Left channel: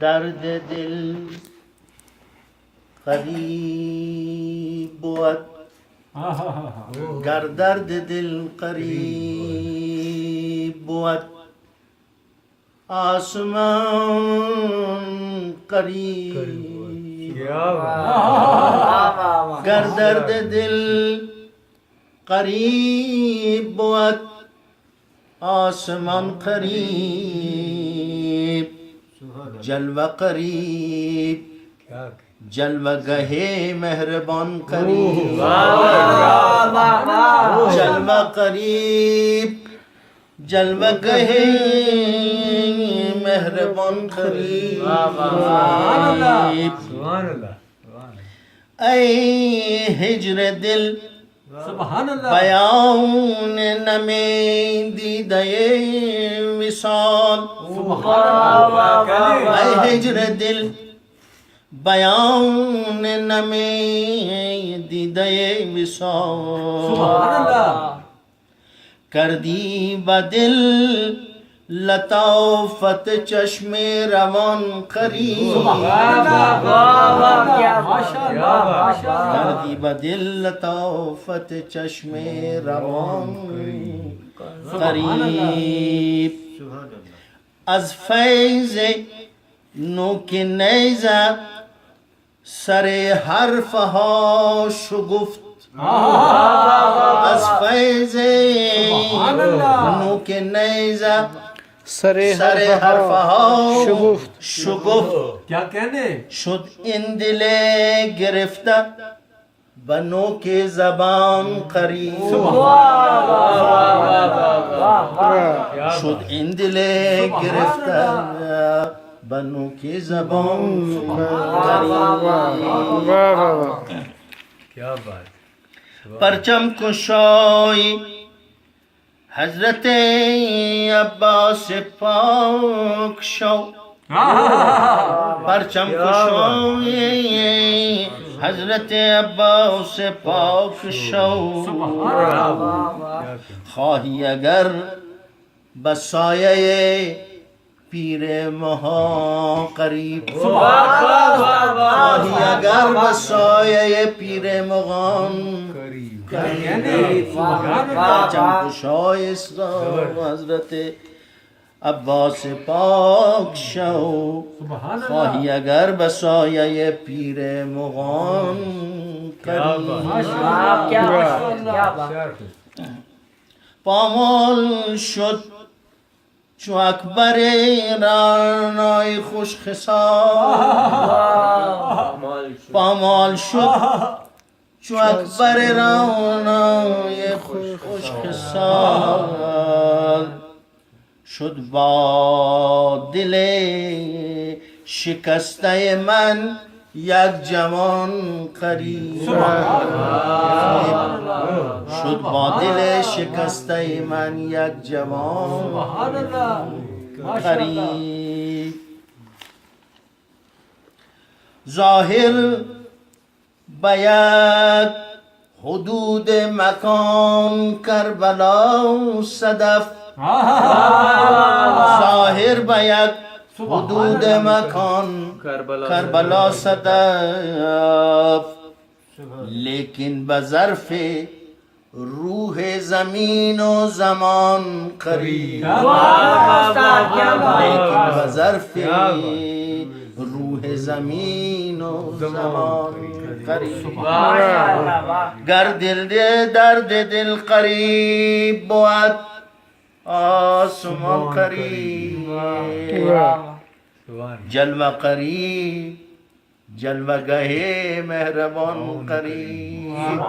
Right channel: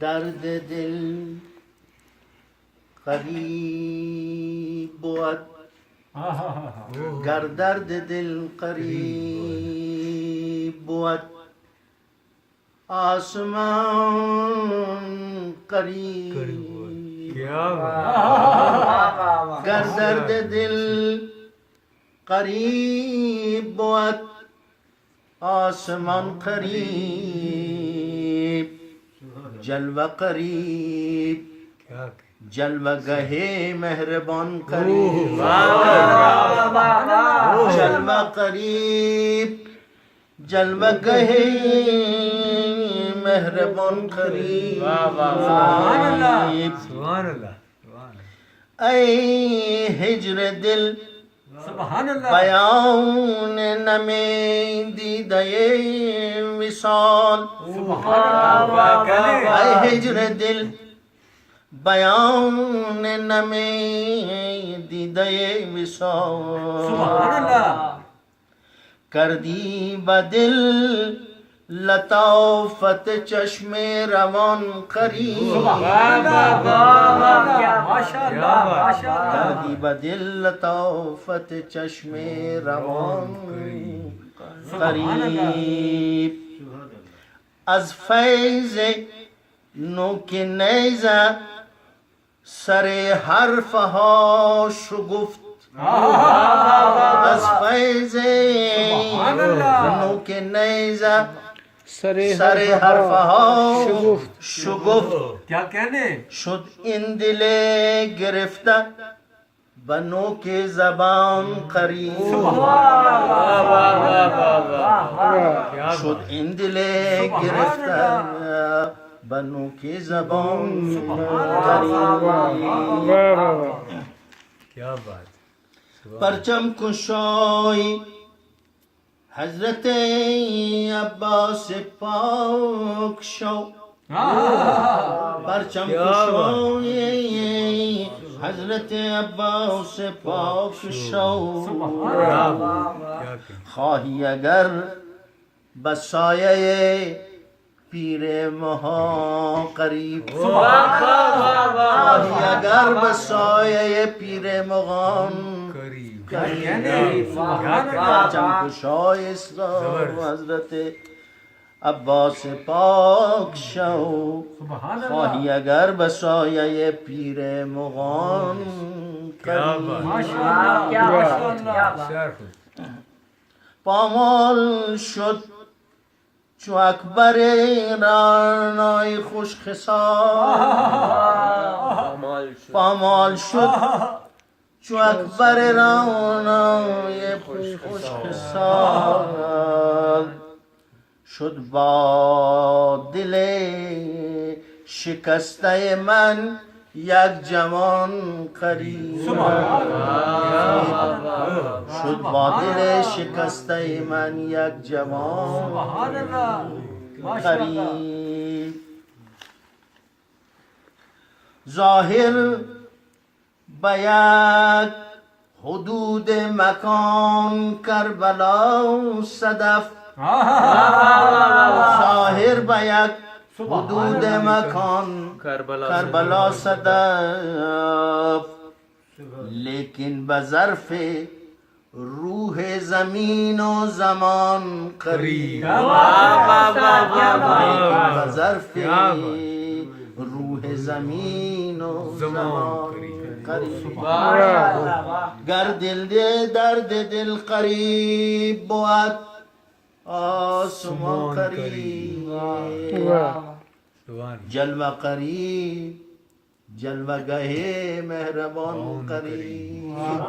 درد دل قریب بود گر درد دل قریب بود آسمان قریب گر درد دل قریب بود آسمان قریب جلوه قریب جلوه گه مهربان قریب جلوه قریب جلوه گه مهربان قریب ای هجر دل بیان نمی دیده وصال ای هجر دل بیان نمی دیده وصال کردی با دل لطافت چشم روان قریب کردی با دل لطافت چشم روان قریب از فیض نوک نیزه سر حرفها شگفت از فیض نوک نیزه سر حرفها شگفت کیا کہنے شد این دل گرفته به نوک زبان قریب شد این دل گرفته به نوک زبان قریب کیا بات پرچم کشای حضرت عباس پاک شو پرچم کشای حضرت عباس پاک شو خواهی اگر به سایه پیر مها قریب خواهی اگر به سایه پیر مغان پرچم کشای اسلام حضرت عباس پاک شو خواهی اگر به سایه پیر مغان قریب پامال شد چو اکبر رعنای خوش خصال پامال شد چو اکبر رعنای خوش خصال شد با دل شکسته من یک جوان قریب شد با دل شکسته من یک جوان قریب ظاهر به یک حدود مکان کربلا صدف ظاهر به یک حدود مکان کربلا صدف لیکن به ظرف روح زمین و زمان قریب لیکن به ظرف روح زمین و زمان قریب گر دل درد دل قریب بود آسمان قریب جلوه قریب جلوه گه مهربان قریب